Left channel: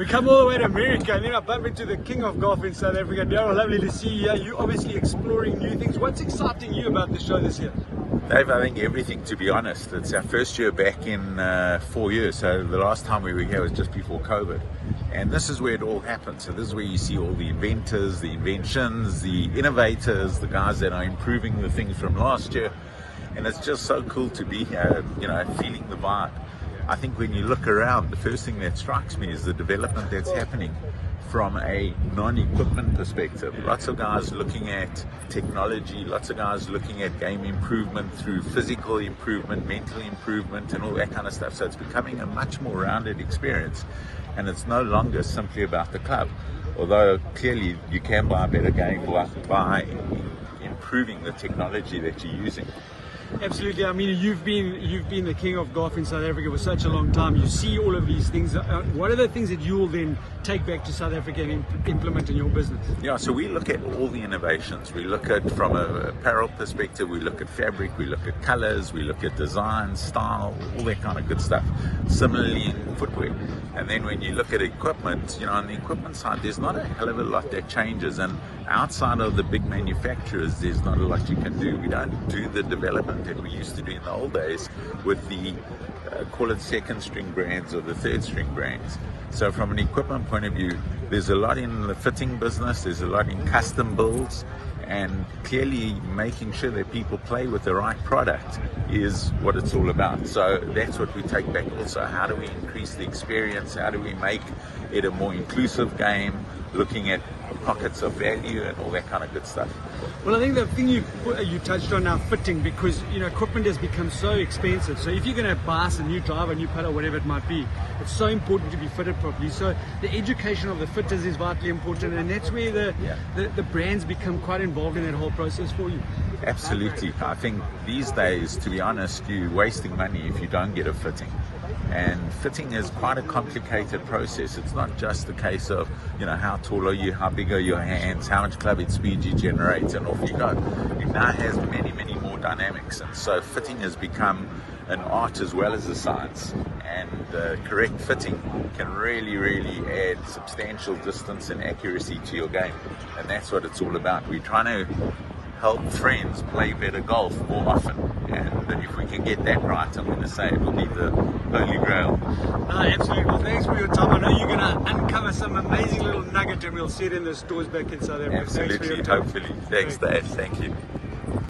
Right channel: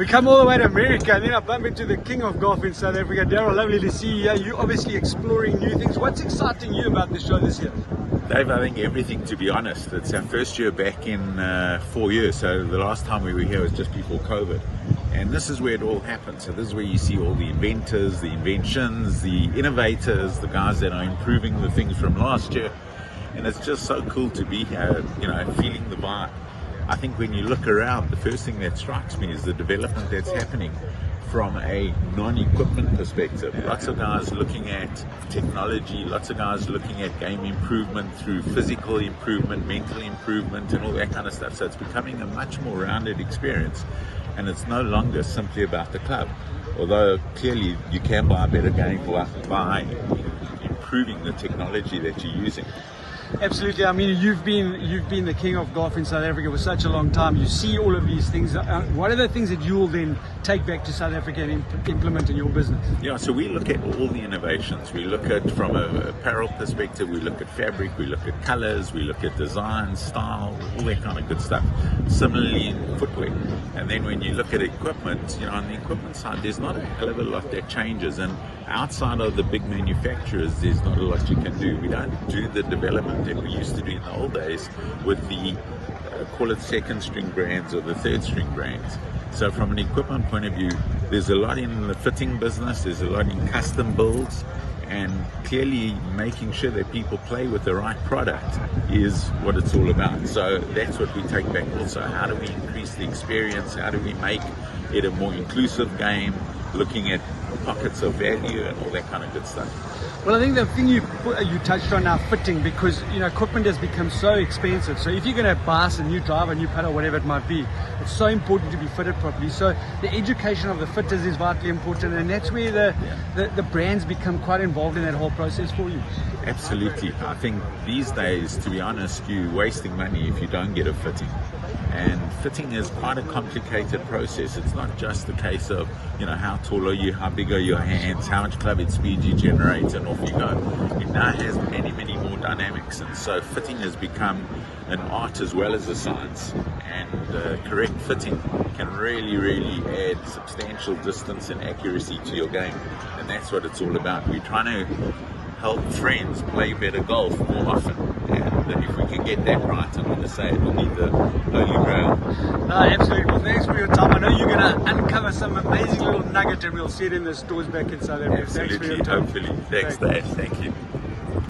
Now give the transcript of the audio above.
We come all the way to America, and then I bump into the king of golf in South Africa, Darryl. Lovely to see you. You're obviously exploring new things. What's exciting you about this show this year? Dave, I think everything, to be honest. It's our first year back in 4 years, so the last time we were here was just before COVID. And this is where it all happens. So this is where you see all the inventors, the inventions, the innovators, the guys that are improving the things from last year. And it's just so cool to be here, feeling the vibe. I think when you look around, the first thing that strikes me is the development that's happening from a non-equipment perspective. Lots of guys looking at technology, lots of guys looking at game improvement through physical improvement, mental improvement, and all that kind of stuff. So it's becoming a much more rounded experience, and it's no longer simply about the club. Although clearly you can buy a better game by improving the technology that you're using. Absolutely. I mean, you've been the king of golf in South Africa for such a long time. You see all of these things. What are the things that you will then take back to South Africa and implement in your business? Yeah, so we look at all the innovations. We look at, from an apparel perspective, we look at fabric, we look at colors, we look at design, style, all that kind of good stuff. Similarly in footwear. And then when you look at equipment, on the equipment side, there's not a hell of a lot that changes. And outside of the big manufacturers, there's not a lot you can do. We don't do the development that we used to do in the old days with the call it second string brands or the third string brands. So from an equipment point of view, there's a lot in the fitting business, there's a lot in custom builds, and clearly making sure that people play with the right product is what it's all about. So that's what we take back also. How do we increase the experience? How do we make it a more inclusive game, looking at pockets of value and all that kind of good stuff? Well, I think the thing you touched on now, fitting, because equipment has become so expensive. So if you're going to buy a new driver, a new putter, whatever it might be, it's so important to be fitted properly. So the education of the fitters is vitally important, and that's where the brands become quite involved in that whole process for you. Absolutely. I think these days, to be honest, you're wasting money if you don't get a fitting. And fitting is quite a complicated process. It's not just a case of, how tall are you, how big are your hands, how much club head speed you generate, and off you go. It now has many, many more dynamics. And so fitting has become an art as well as a science. And correct fitting can really, really add substantial distance and accuracy to your game. And that's what it's all about. We're trying to help friends play better golf more often, and if we can get that right, I'm going to say it will be the holy grail. Absolutely. Well, thanks for your time. I know you're going to uncover some amazing little nugget, and we'll see it in the stores back in South Africa. Absolutely, hopefully. Thanks, Dave. Thank you.